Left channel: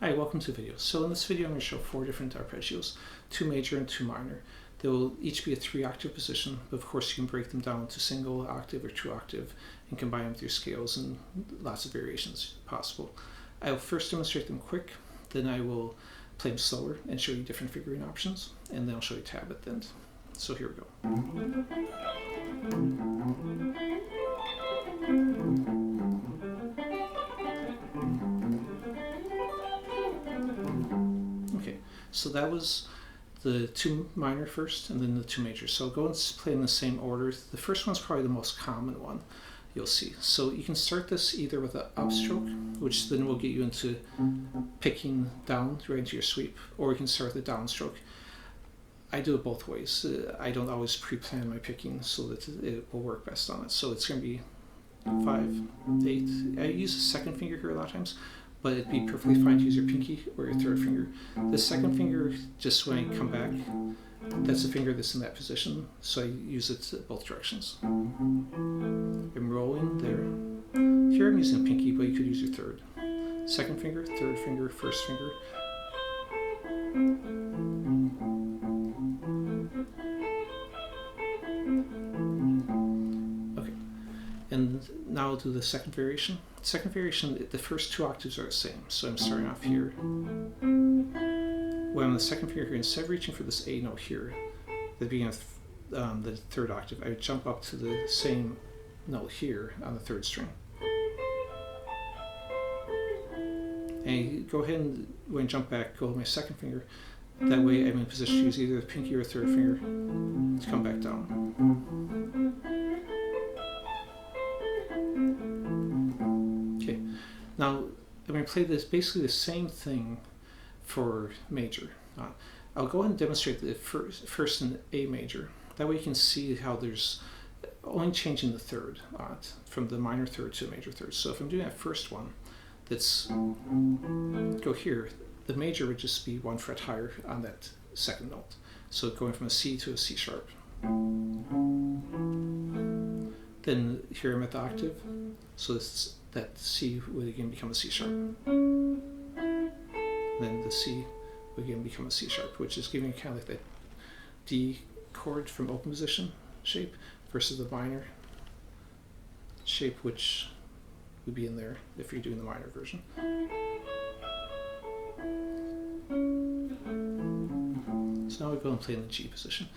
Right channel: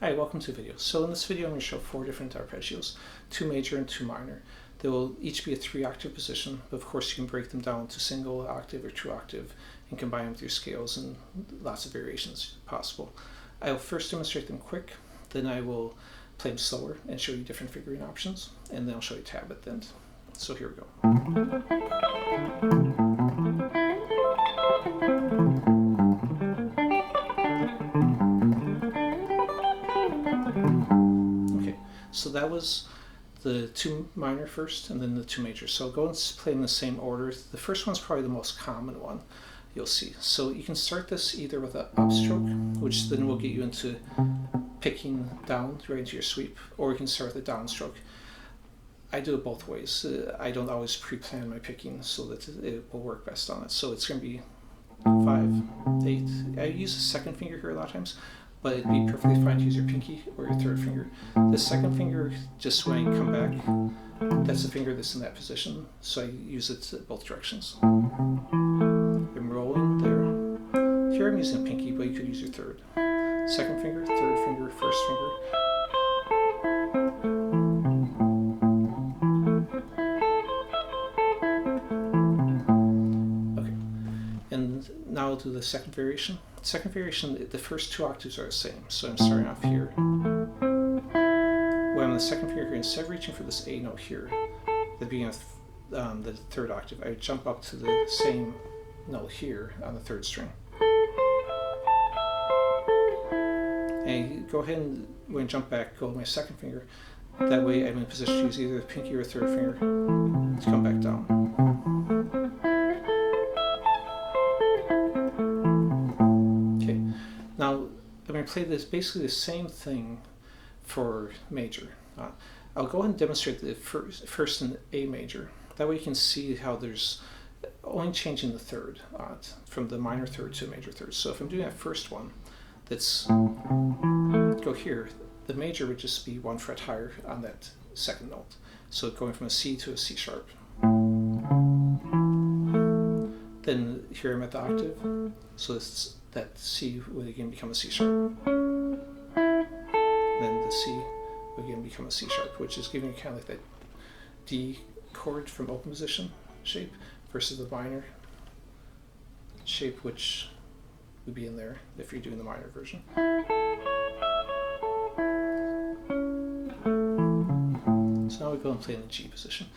Hi, welcome to the video. So in this video I'm going to show 4 different arpeggios, 2 major and 2 minor. They will each be a 3-octave position, but of course you can break them down to single octave or 2-octave and combine them with your scales, and lots of variations possible. I will first demonstrate them quick, then I will play them slower and show you different fingering options, and then I'll show you tab at the end. So here we go. So that was the 2 minor first, and then the 2 major. So I'll go and play in the same order. The first one's probably the most common one you'll see. So you can start this either with an upstroke, which then will get you into picking down right into your sweep, or you can start with a downstroke. I do it both ways. I don't always pre-plan my picking so that it will work best on it. So it's going to be 5, 8. I use the second finger here a lot of times, but it'd be perfectly fine to use your pinky or your third finger. The second finger, just when I come back, that's the finger that's in that position, so I use it both directions. I'm rolling there. Here I'm using a pinky, but you could use your third. Second finger, third finger, first finger. Okay, and now I'll do the second variation. Second variation, the first 2 octaves are the same, so I'm starting off here. When I'm on the second finger here, instead of reaching for this A note here, at the beginning of the 3rd octave, I would jump up to the same note here on the 3rd string. And go ahead and, when I jump back, go with my second finger. That way I'm in position to use either the pinky or third finger to come back down. Now, I'm going to play this basically the same thing for major. I'll go ahead and demonstrate the first in A major. That way you can see how there's only changing the third from the minor third to a major third. So if I'm doing that first one, that's go here, the major would just be 1 fret higher on that second note. So going from a C to a C sharp. Then here I'm at the octave, so that C would again become a C sharp. Then the C would again become a C sharp, which is giving you kind of like that D chord from open position shape versus the minor shape, which would be in there if you're doing the minor version. So now we go and play in the G position.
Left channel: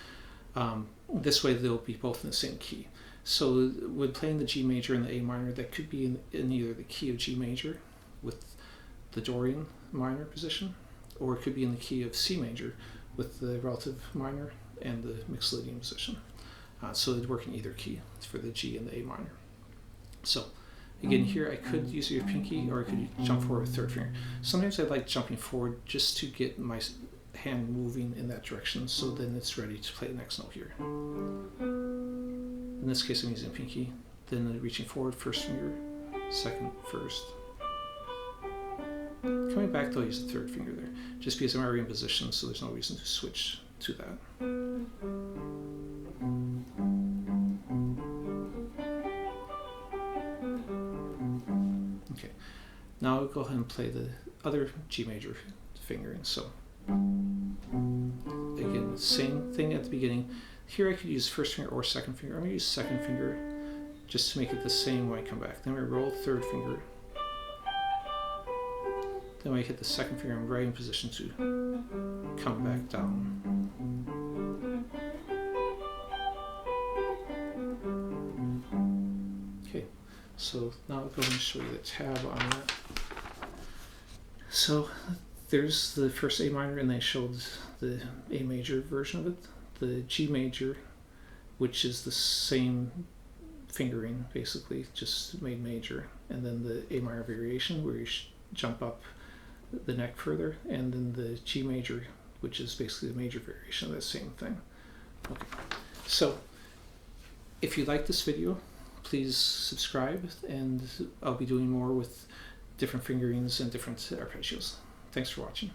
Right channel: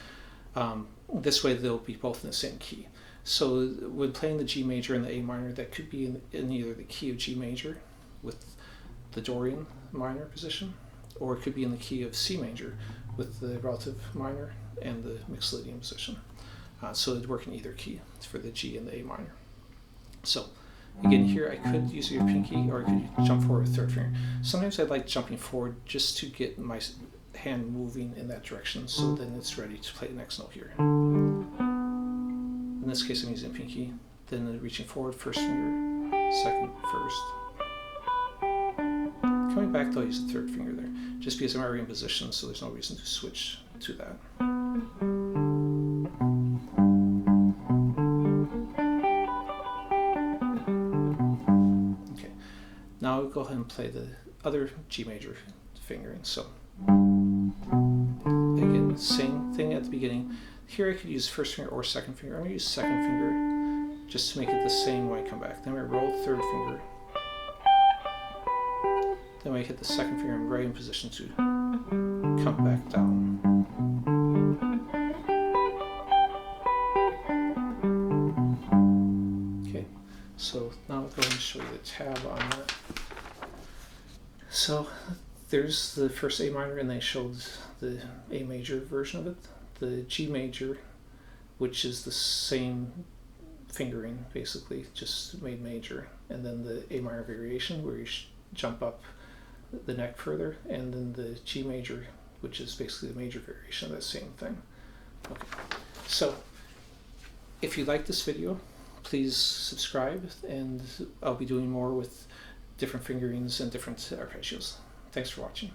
This way they'll be both in the same key. So when playing the G major and the A minor, that could be in either the key of G major with the Dorian minor position, or it could be in the key of C major with the relative minor and the Mixolydian position. So it'd work in either key for the G and the A minor. So again, here I could use your pinky, or I could jump forward with third finger. Sometimes I like jumping forward just to get my hand moving in that direction, so then it's ready to play the next note here. In this case I'm using pinky, then reaching forward, first finger, second, first. Coming back though, I use the third finger there, just because I'm already in position, so there's no reason to switch to that. Okay, now I'll go ahead and play the other G major fingering. So again, same thing at the beginning. Here I could use first finger or second finger. I'm going to use second finger just to make it the same when I come back. Then I roll third finger. Then when I hit the second finger, I'm right in position to come back down. Okay, so now I'll go ahead and show you the tab on that. So there's the first A minor, and they showed the A major version of it. The G major, which is the same fingering basically, just made major, and then the A minor variation where you jump up the neck further, and then the G major, which is basically the major variation of that same thing. Okay, so if you like this video, please subscribe, and I'll be doing more with different fingerings and different arpeggios. Thanks for watching.